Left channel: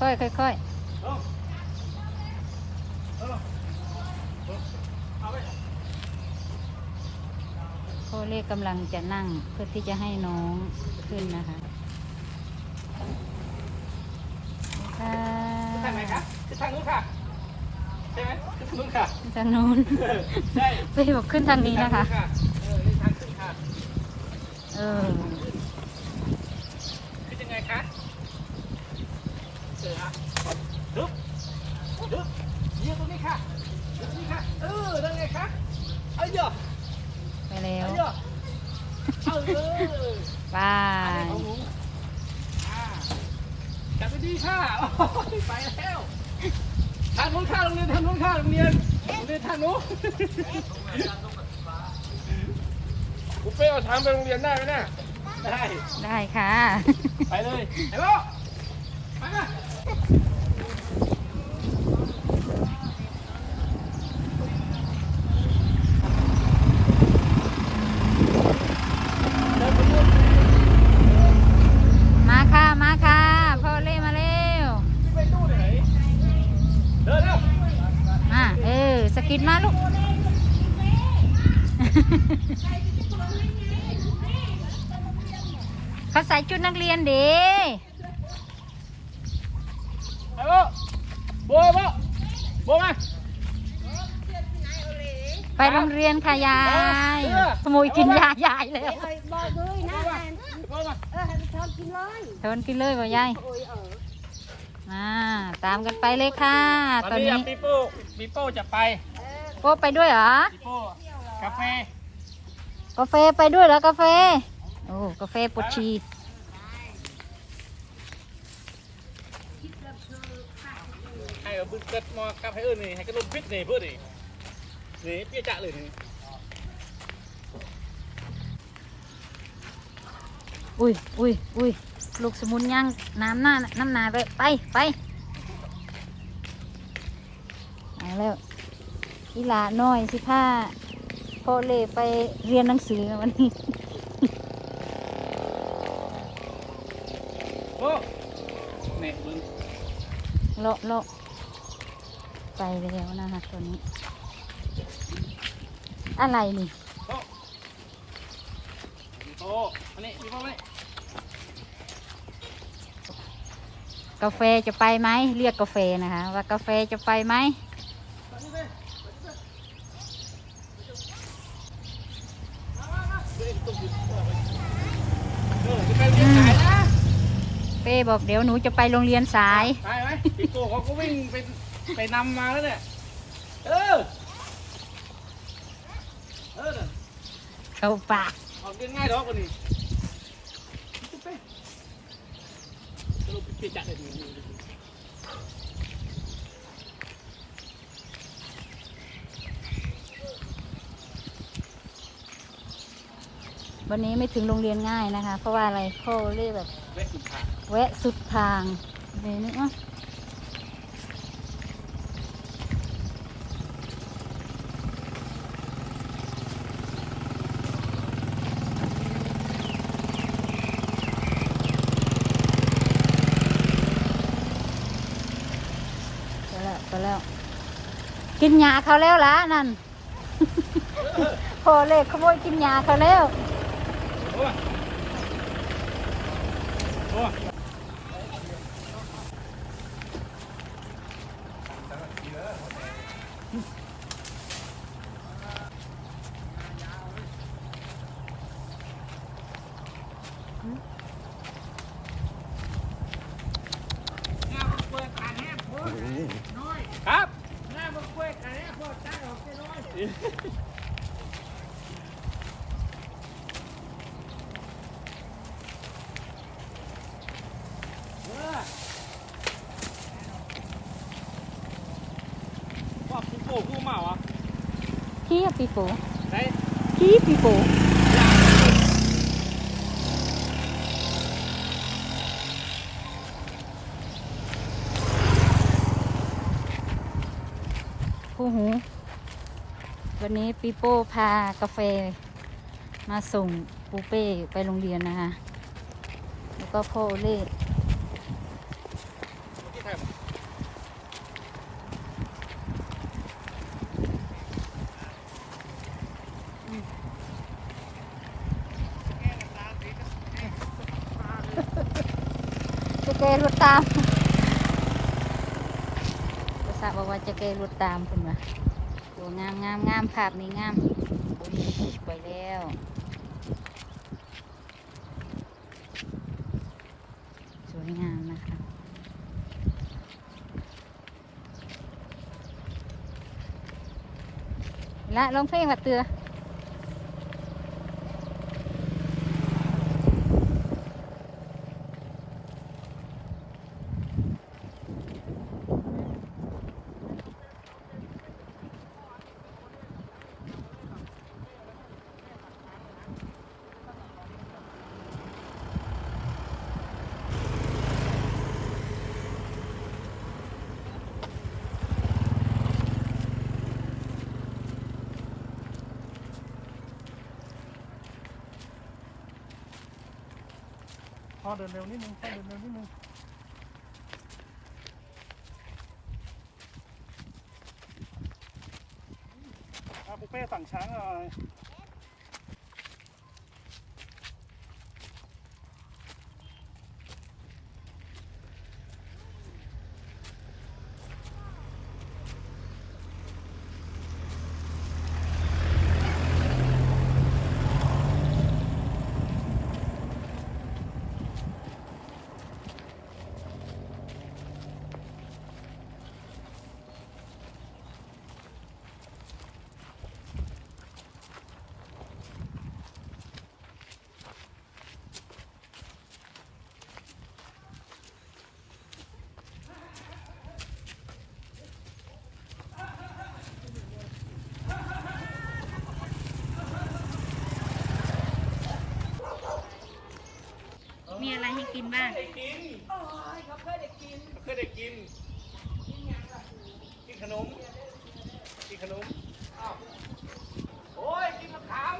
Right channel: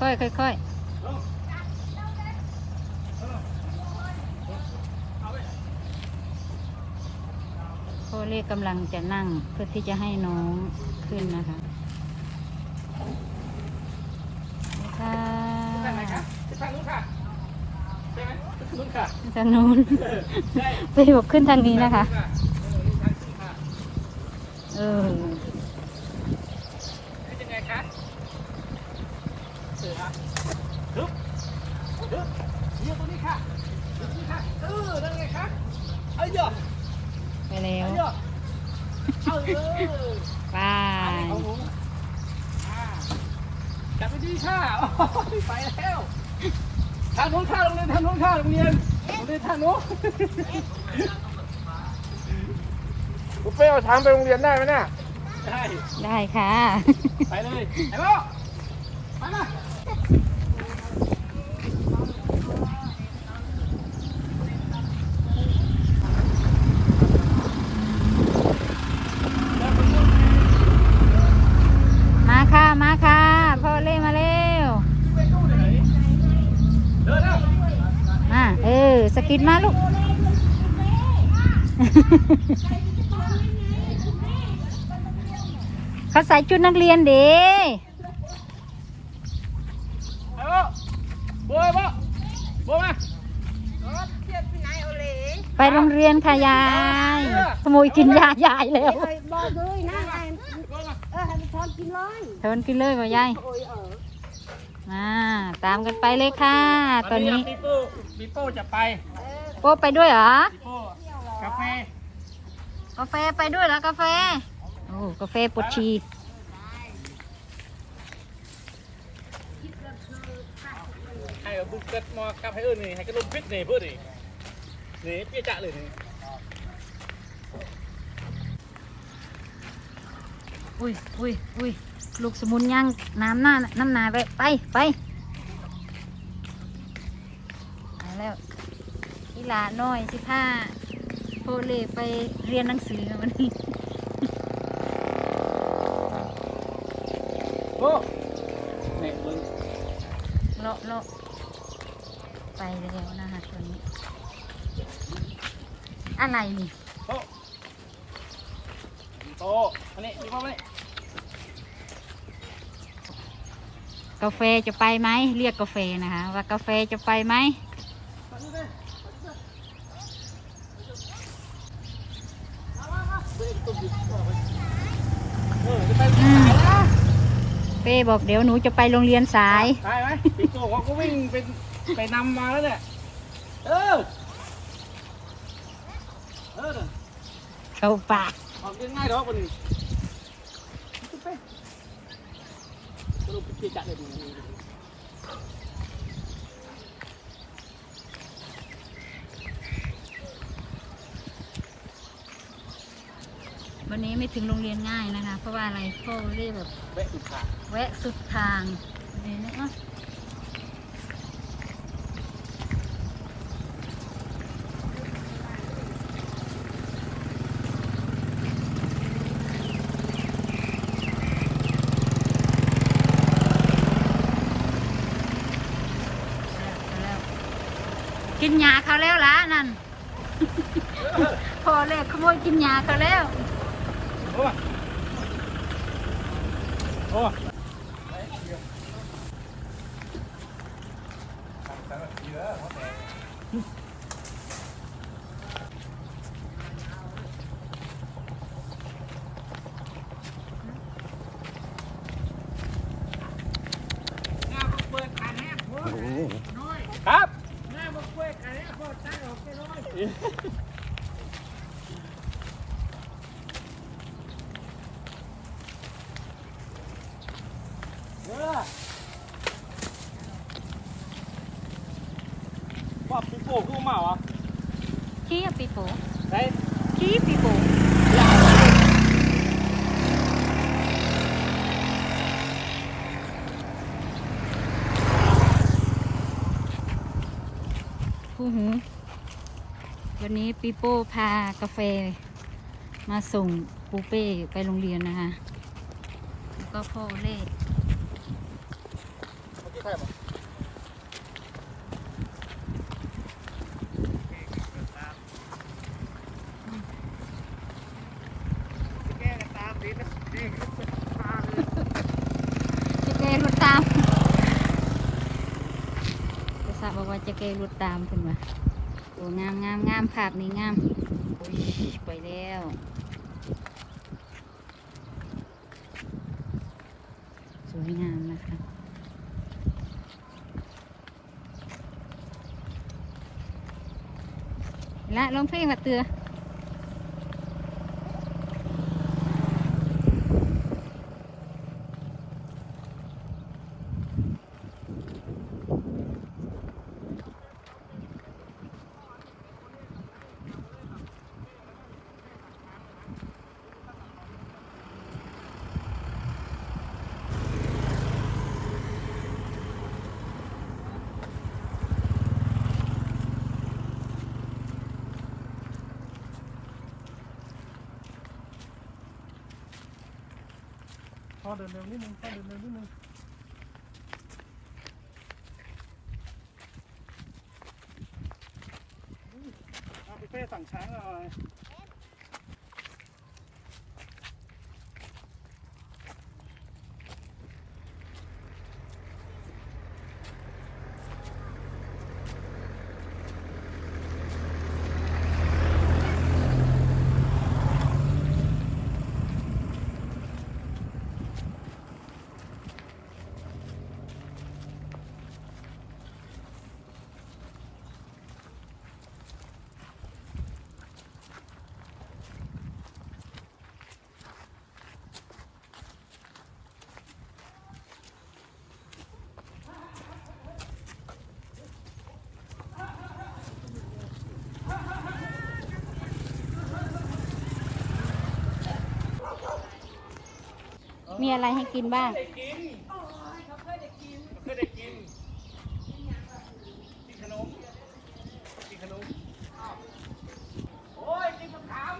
ค่อยๆค่อยเออเออเอาไปๆพ่อเล่กำลังจะนั่งเพื่อที่จะให้น้องขึ้นนะคะค่ะทางไหนคะทางนู้นค่ะใช่ไหมทางนู้นค่ะทางนู้นเออใช่ไปบอกขึ้นทางนี้นะคะ เออนี่ทางขึ้นค่ะเออคือยังไงคะเสือฮึบฮึบเยี่ยตรงนี้ค่ะตรงนี้ค่ะ เออนั่นไงคะเอ้ยเยอะ ไปแล้ว เอ้ยเยอะเออ ไป เอาหมูอ่าจับไปดีค่ะโอ้ย ไปแล้ว ทางนู้นค่ะโรงเรียนทางนู้นค่ะโรงเรียนโรงเรียนทางนู้นคุณเป้เอาทางไปโรงเรียนได้ไหมน่ะได้ ได้ค่ะ ไปเลยไอ้โบ้ไปเลย มาค่ะ มาค่ะ พ่อเล่มาเร็ว เดินเลย มา เออ สกิดมาลูก เขาใส่ชุดนักเรียนเด้ไอ้โบ้โบ้ไอ้โบ้โบ้มาไปโรงเรียนค่ะยายขโมยกินยายายแล้วบอกเลยนะแอนเออให้มันชอบกินเลยทนกินเลยบ่ยายโอ้ยเออมาตามกันไปเลยค่ะ ตอนนี้ ปีโป้ปีโป้จะไปโป๊ไปด้วยเหรอปีโป้กาแฟกาแฟไปด้วยเหรอกาแฟโอ้กาแฟปวดชีให้เอาบึ้งเกิดมากับให้เอิ้นนี่ให้กระดุมพิษนี่เพื่อนี่นี่เปี้ยจะเลยนี่อุ้ยอุ้ยอุ้ยลูกสมุนย่างน้ำหน้าน้ำหนาไปไปไปเอาแล้ว อีหลาน้อยสิผ้าพ่อเล่ไปเรียนหนังสือมันโอ้นี่เบึ้งเลาะเลาะไปแล้วนะคะตัวนี้ อะไรนี่โตโตอันนี้ปีโป้มานี่กาแฟจะไปไหม เรียกกาแฟนะคะ ว่ากาแฟจะไปไหม เออจะไป อืม เป้ บอกเดี๋ยวหนูจะไปโรงเรียนสาย ได้ไหมปีโป้เขาก็วิ่งไปไปนำมาแล้วเนี่ย เออ เออเข้าปากออกเรียนง่ายดอกคนนี้จะไปกระดูกเปี้ยจะเลยนี่วันนี้ไม่ถึงโรงเรียนง่ายนะคะ เพราะว่าอะไรพ่อเรียกแบบ แวะสุดทาง แวะสุดทางเดี๋ยวนี้อะกินยาเขาแล้วล่ะนั่น พอเล็กขโมยกินยาเขาแล้ว โอ้ยโอ้ย งาบอกเปิดอันนี้พอน้อย ครับ งาบอกเปิดอันนี้พอตั้งออกไปน้อย เออว่าปีโป้กูมาเหรอ ขี้ปีโป้ไปขี้ปีโป้คู่หู วันนี้ปีโป้พากาแฟ มาส่งปูเป้ไปโรงเรียนนะคะ แล้วก็พ่อเล่ก แกรถตาม ภาษาบอกว่าจะแกรถตามเป็นวะโอ้งามงามงามภาพนี้งามโอ้ยไปแล้วสวยงามนะคะละลองเพลงมาเตือ พ่อเดินเร็วนิดนึงพ่อเดินเร็วนิดนึงเอาไปเป้สั่งช้างหน่อย มีอะไรให้กินบ้าง ได้กินเขาเคยได้กินเคยได้กินขนม กินขนมอ้าวโอ้ย กินมะขาม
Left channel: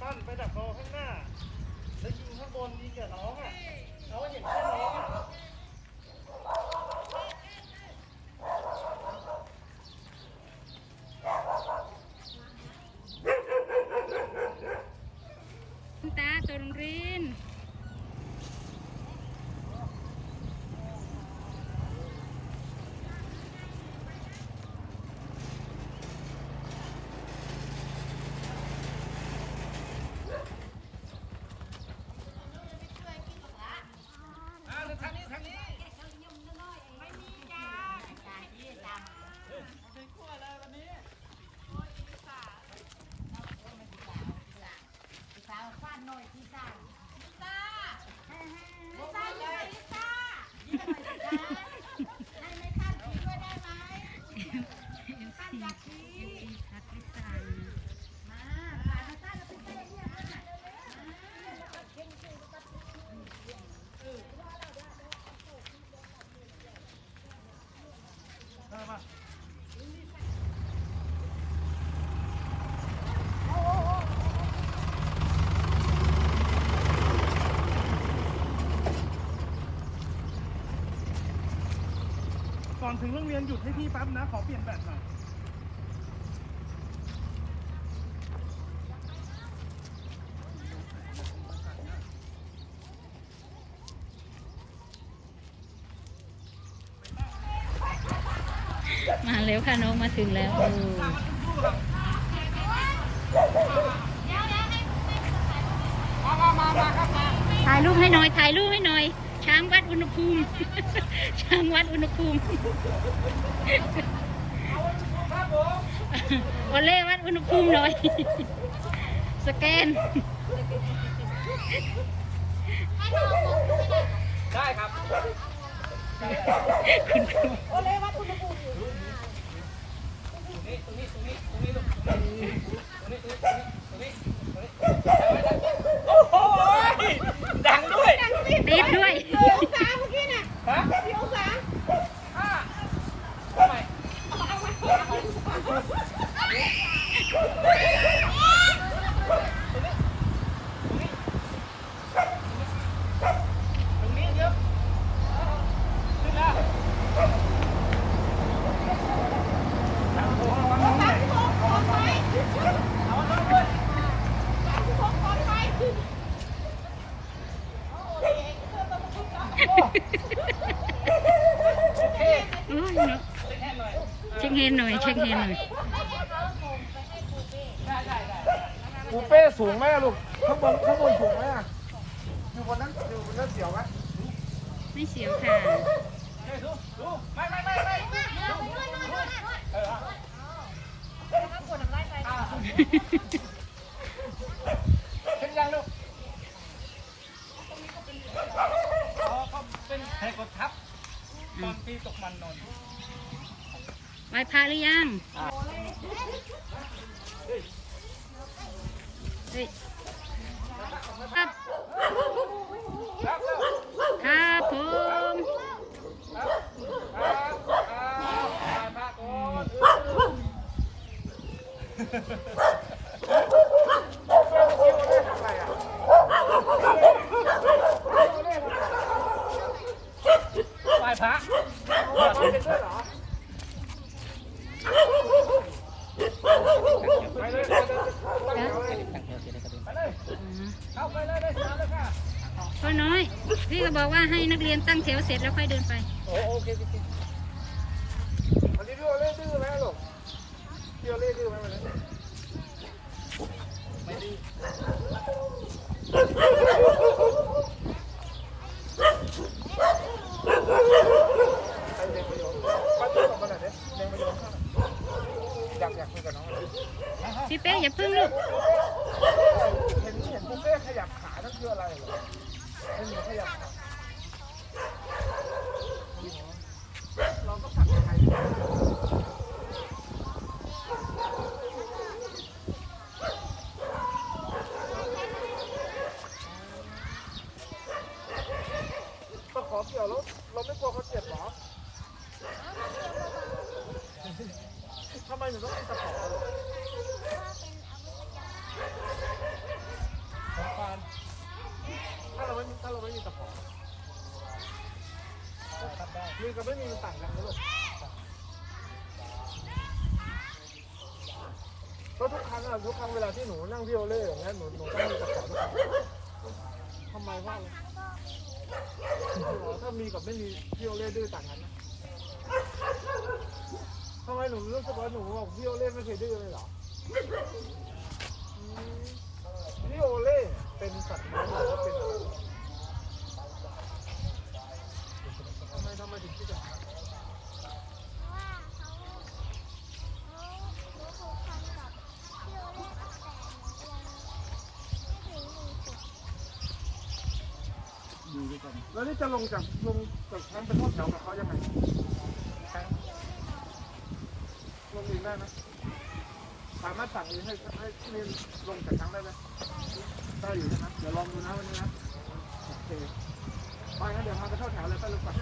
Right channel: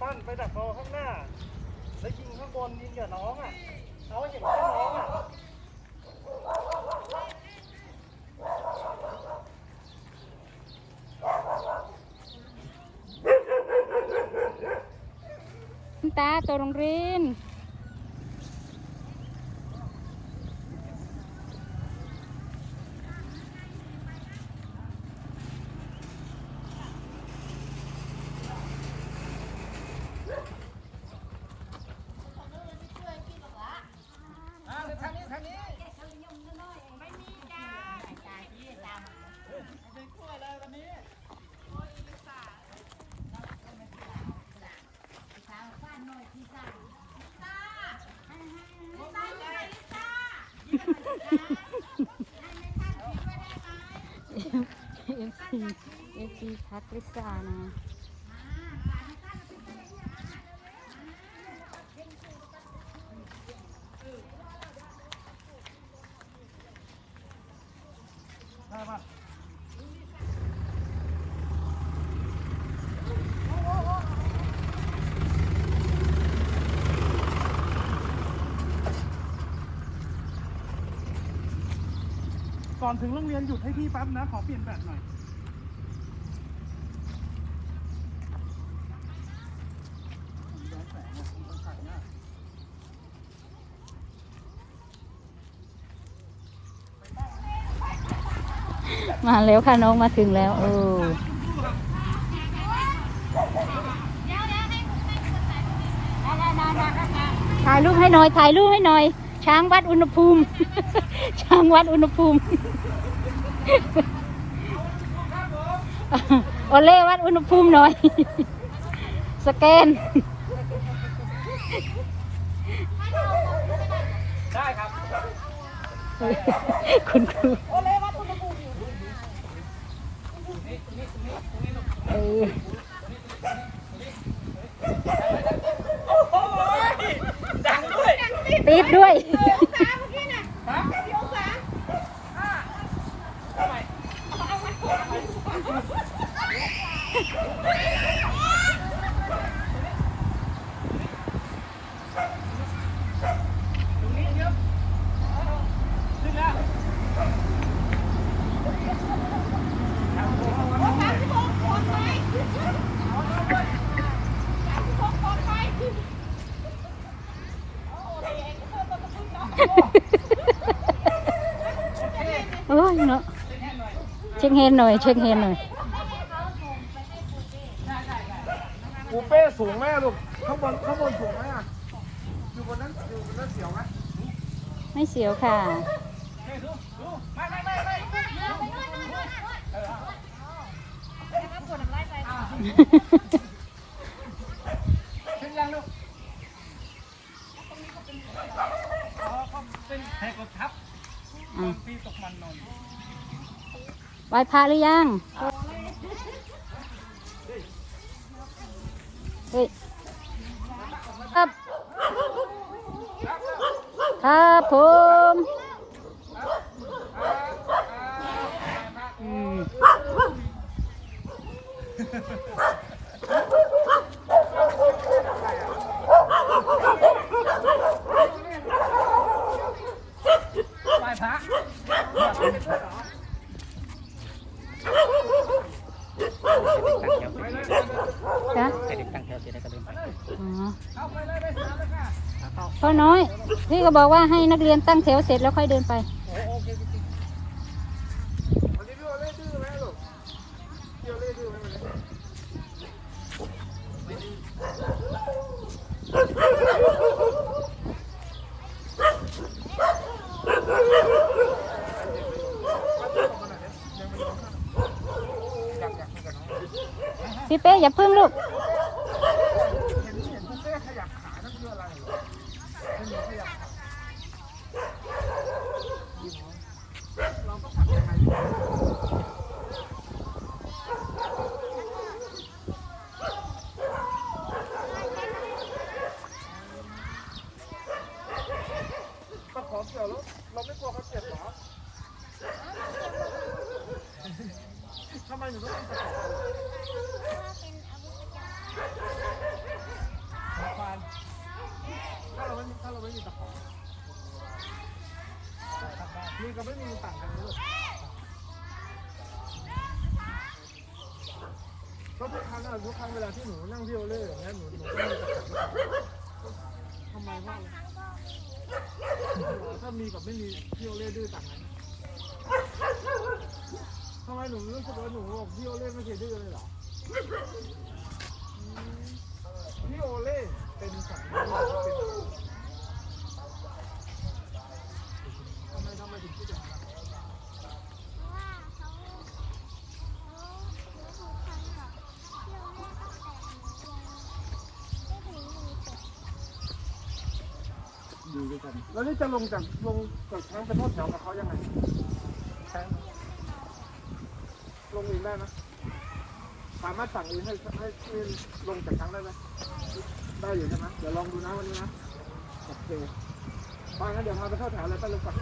ปั้นไปจากคอข้างหน้า แล้วยิงข้างบนยิงกับน้องอะน้องยิงแค่น้องอะ ตัวโรงรีน เอฟซีเอฟซีทักลิซ่านะ ก่อนถึงโรงเรียนหยุดให้พี่แป๊บนะ ขอเปลี่ยนแบตหน่อย มาแล้วค่ะน้องมาถึงแล้วเออถ่ายรูปให้หน่อยถ่ายรูปให้หน่อย ช้างวัดอุณหภูมิ ช้างวัดอุณหภูมิโอเล่วัดอุณหภูมิหน่อย สแกน ได้ครับ คุณครูตรงนี้ตรงนี้ตรงนี้ตรงนี้ลูกเออ โอ้โหดังด้วย ติดด้วย ฮะ พี่องศา ทำไม เช็คเฮ นหน่อย เช็คเฮนหน่อยปูเป้สูงไหมอะลูกข้างบนข้างบนสูงไหมอะอยู่บนนั้นอยู่บนนั้นเสียวไหมไม่เสียวค่ะ เฮ้ยดูดูไม่ไม่ไม่ไม่เออเป็นยังลูกอ๋อเขาเป็นแหกกดทับตอนปีตกมันนอน ไห ว้พระหรือยัง เฮ้ย ครับ ครับผมไหว้พระ ไปเลยด้วยเหรอไปเลยไปเลย จ้ะอ๋อเข้าไปเลยได้สามเลยค่ะพ่อน้อย พี่ก็บอกว่าให้นักเรียนตั้งแถวเสร็จแล้วค่อยเดินไป โอ้โอเคโอเควันนี้พี่โอเล่ดื้อไหมลูกพี่โอเล่ดื้อไหมวันนี้ป้าตื้อกลับมาหน่อยดิยังไม่ยอมเข้าอยากอยากคุยกับน้องพี่เป้อย่าพึ่งลูกเห็นเห็นปุ๊เป้ขยับขานั่นคืออะไรเหรอเห็นหนูขยับขาเราก็ขับยังไงดีตะขอเกี่ยวแล้วเราไม่กลัวเขาเจ็บเหรอ ทำไมหนูต้องเป็นตะขอเหรอของฟานถ้าเราไม่ถ้าเราไม่มีตะขอก็ขับได้มีกับไม่มีมันต่างกันไหมลูกเพราะทุกครั้งอะทุกครั้งเวลาที่หนูนั่งที่โอเล่อย่างเงี้ยหนูหนูต้องมีตะขอด้วยกันทำไมว่าเลยอ๋อถ้ามีกับไม่มีพี่โอเล่ดื้อต่างกันนะ ทำไมหนูรู้สึกว่าหนูบอกพี่โอเล่ไม่เคยดื้อเลยเหรออืมพี่โอเล่เป็นสัตว์เลี้ยงหรือว่าเป็นอะไรทำไมทำไมถึงคิดอย่างนั้นว่าเขาเขาหนูผูกพันกับพี่โอเล่ตั้งแต่หนูยังไม่ถึงหนึ่งขวบดีด้วยกันแล้วนี่จะลงจากลงจากช้างไปทอดแถวกับเขายังไงช้างลง เองได้ไหมสามารถสั่งเองให้ให้ให้ลงจากช้างได้ไหมได้อยู่ใช่ไหมเดี๋ยวลองดูนะวันนี้นะโอเคไปงั้นเดี๋ยวพาไปเท่าแถวเลยไปเลยก่อน